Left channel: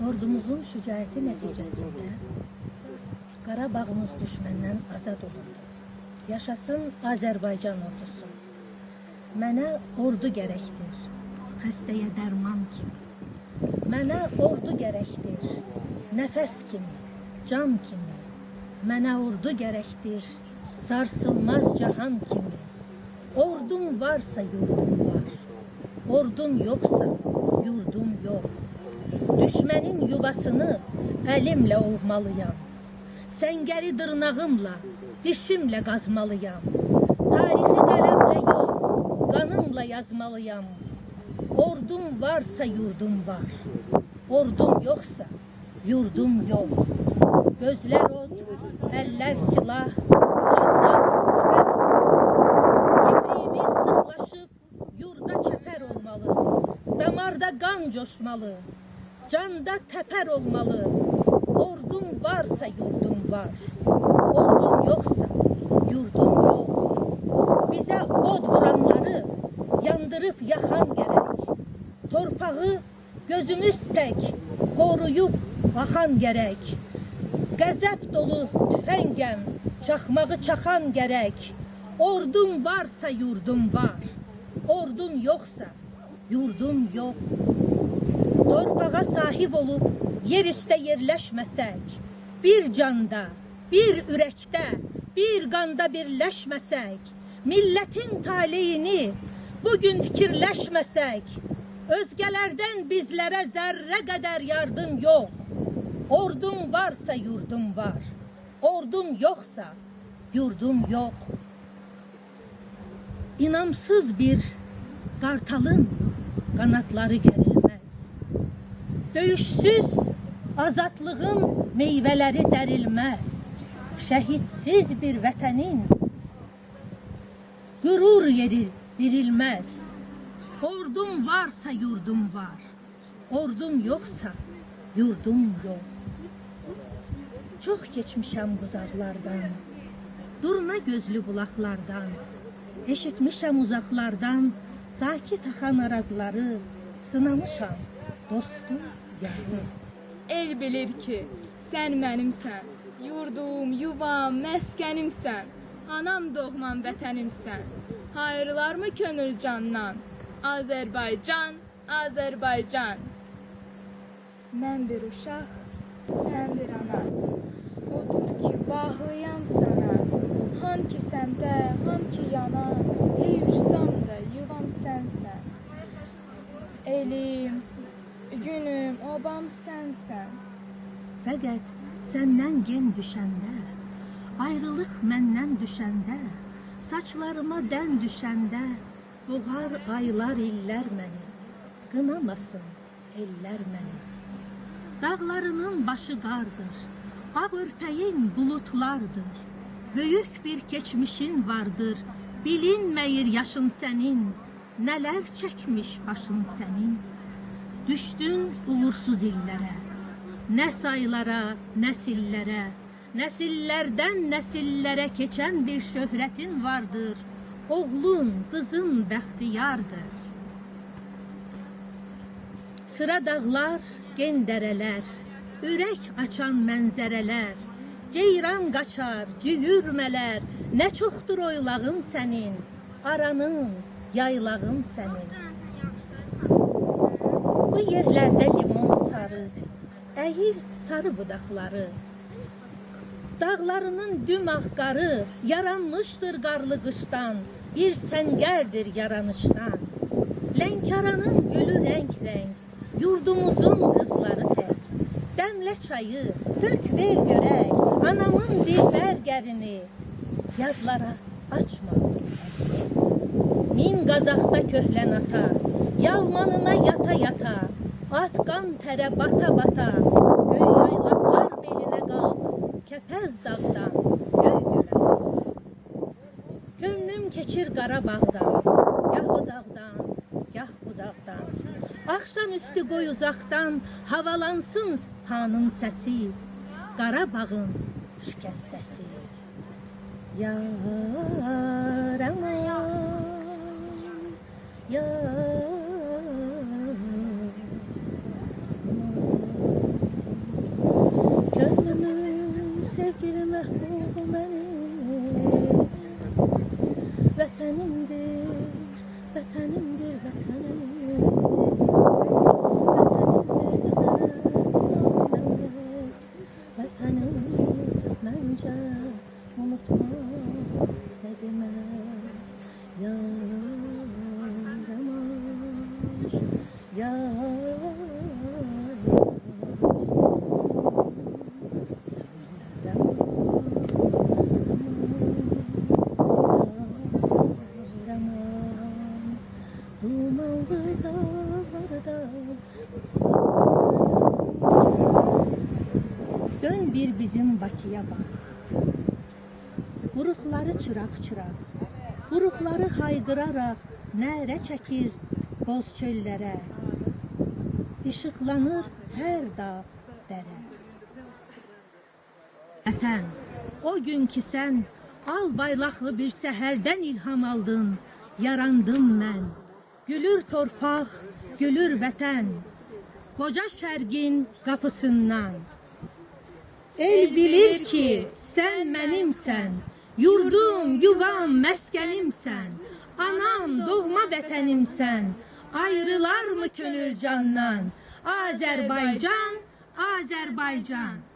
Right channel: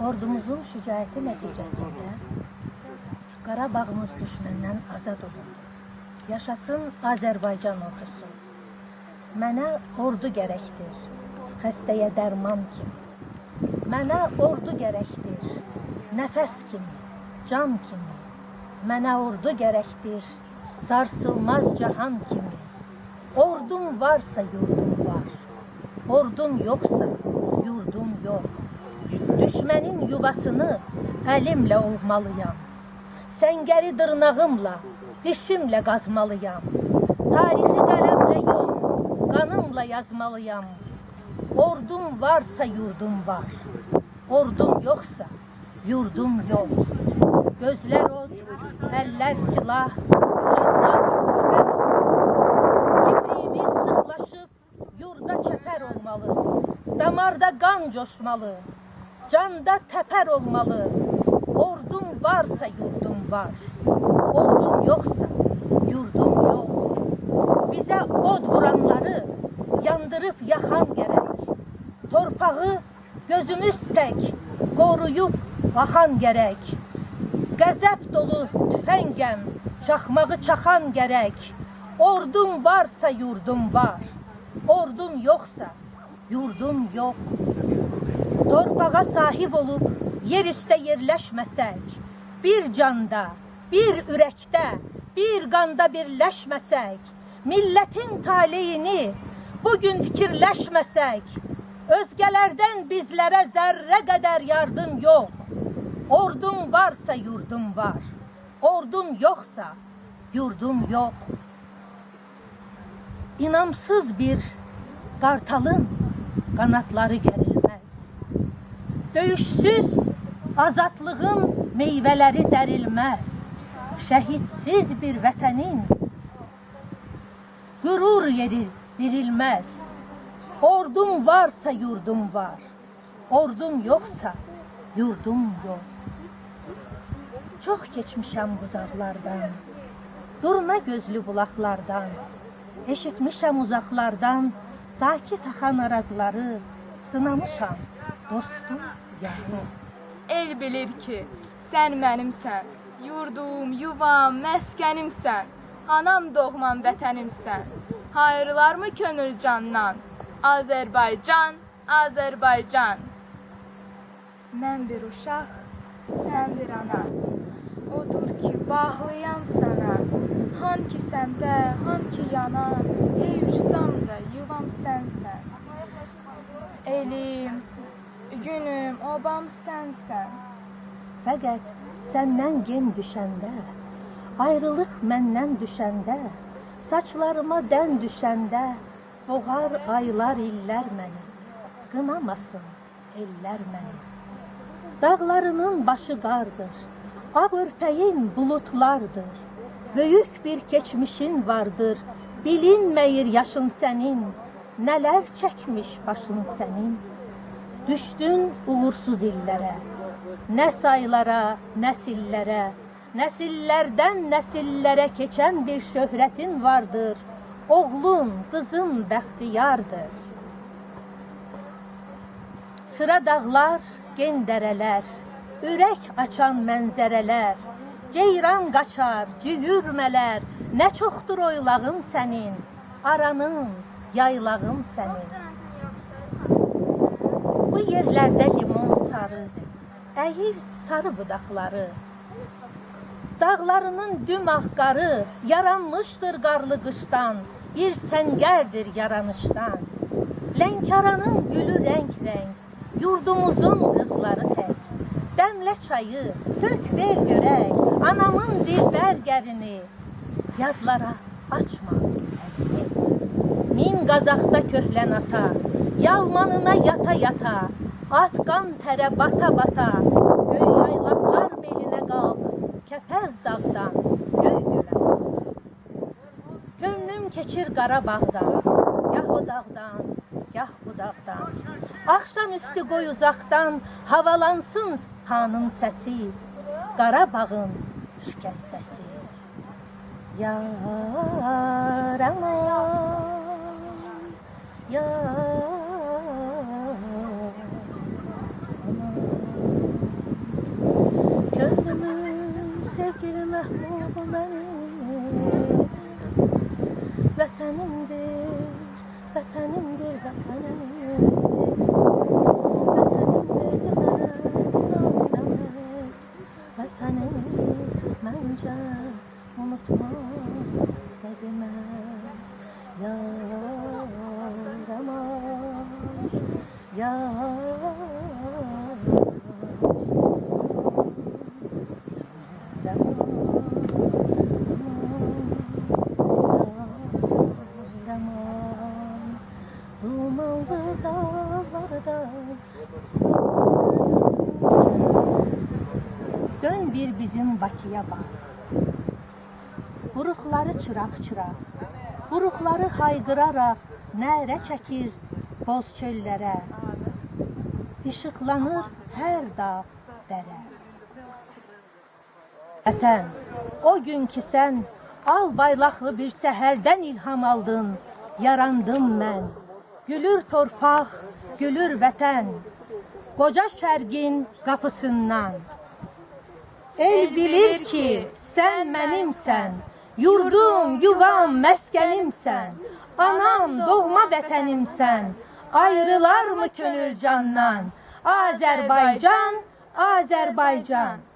Ordumuzun şücaəti nəticəsində Qarabağımız düşməndən azad olundu. Yaşasın Azərbaycan ordusu. Mənə ordu gərəkdir, xəstəyə dərman kimi. Mənə ordu gərəkdir, nəfəs kimi, can kimi. Mənə ordu gərəkdir, sarsılmaz cahan kimi. Ordum varsa yurdum var, ordum yoxsa yurdum yox. Düşmənin yuvasını əlimlə ovmalıyam. Səngəri dırnağımla, dişimlə qazmalıyam. Tarixi qələmlə yox, qanımla yazmalıyam. Ordum varsa yurdum var, ordum yoxsa yurdum yox. Gözlər od, əllər silah, canlar sipər olmalı. Kipriyimiz sıxlaşıb, yurda çəpər olmalı. Damarda qan coşmalı, canda təpər olmalı. Ordum varsa yurdum var, ordum yoxsa yurdum yox. Bizə od vuranları yandırıb yaxan gərək. Torpağı gözümüz tək qoruyub baxan gərək. Qəzəb dolu tüfəngəm, çaxmağı çaxan gərək. Ordum varsa yurdum var, ordum yoxsa yurdum yox. Torpağa sahib olub yer üstə yerləşməsək, bir canda, bir ürəkdə, bir qanda birləşməsək, millətin taleyini bugün fikirləşməsək, özgələrdən bizlərə zərrə qədər yardım yox. Ordum varsa yurdum var, ordum yoxsa yurdum yox. İnamsız bir qartalın qanatları gərilməz. Döyüşsüz azadlığın meyvələri dərilməz. Şəhitsiz bir vətənin qürur yeri dirilməz. Ordum varsa yurdum var, ordum yoxsa yurdum yox. Çox keçmişəm bu dağlardan, durna gözlü bulaqlardan. Eşitmişəm uzaqlardan sakit axan arazları, sınamışam dostum yarım. El bilir ki, sən mənimsən, yurdum, yuvam, məskənimsən, anam doğman vətənimsən. Hayırlarmı könül candan, Azərbaycan, Azərbaycan. Mən bir uşaq, sən bir ana, odur ki, bağlıyam sana. Hanki səmdə, hanki yana, ey uçsam da yuvam sənsən. Elim, günüm, obam sənsən. Fəqət səndən gen düşəndə, ayrılıq məndən düşəndə, saçlarıma dən düşəndə, boğar aylar illər məni, qınamasın ellər məni. Dağlarının başı qardır, ağ örpəyin bulutlardır. Böyük bir keçmişin vardır, bilinməyir yaşın sənin, nələr çəkmiş başın sənin. Düşdün uğursuz illərə, nə saylara, nəsillərə, nəsillərdən nəsillərə keçən bir şöhrətin vardır, oğlun, qızın bəxtiyardır. Sıra dağlar, gen dərələr, ürək açan mənzərələr, ceyran qaçar, cüyürmələr, nə çoxdur oylağın sənin, aranın, yaylağın sənin. Bu yerlərdə limon sarı, əyir sarı budaqları, dağlarının düm ağqarı, yaranmışdır qarlı qışdan, bir səngərdir yaranışdan. Lənkəranın gülü rəng-rəng, yurdumuzun qızları tək. Dəmlə çayı, tök ver görək, anamın dilbər qərini, yadlara açma əlini. Min qazaqda köhlən ata, yalmanına yata-yata, atqan tərə bata-bata, göy yaylaqlar belinə qalq, kəpəz dağdan, göy gölə qalq. Könlüm keçir Qarabağdan, gah o dağdan, gah bu dağdan. Axşam üstü qoy uzaqdan, havalansın xanın səsi, Qarabağın şikəstəsi. Yar aman, yar aman. Gönlümün sevgili mehbubu benim. Vətənimdir, vətənimdir, vətənim. Vətənimdir mənə oynamaq. Vətənimi məncə unutma demək. Yaramaş, dumanlı dağlarda dön bir bizim Bakıya bak. Buruqları çıraq-çıraq, buruqları hayqıraraq nərə çəkir boz çöllərə. İşıqlanır hər dağ, dərə. Vətən, o gün ki sən al bayraqlı bir səhərdən ilham aldın, yarandım mən. Gülür torpaq, gülür vətən, qoca şərqin qapısından. El bilir ki sən mənimsən, yurdum, yuvam, məskənimsən. Anam, doğma vətənimsən, ayrılar mı könül candan? Azərbaycan, Azərbaycan.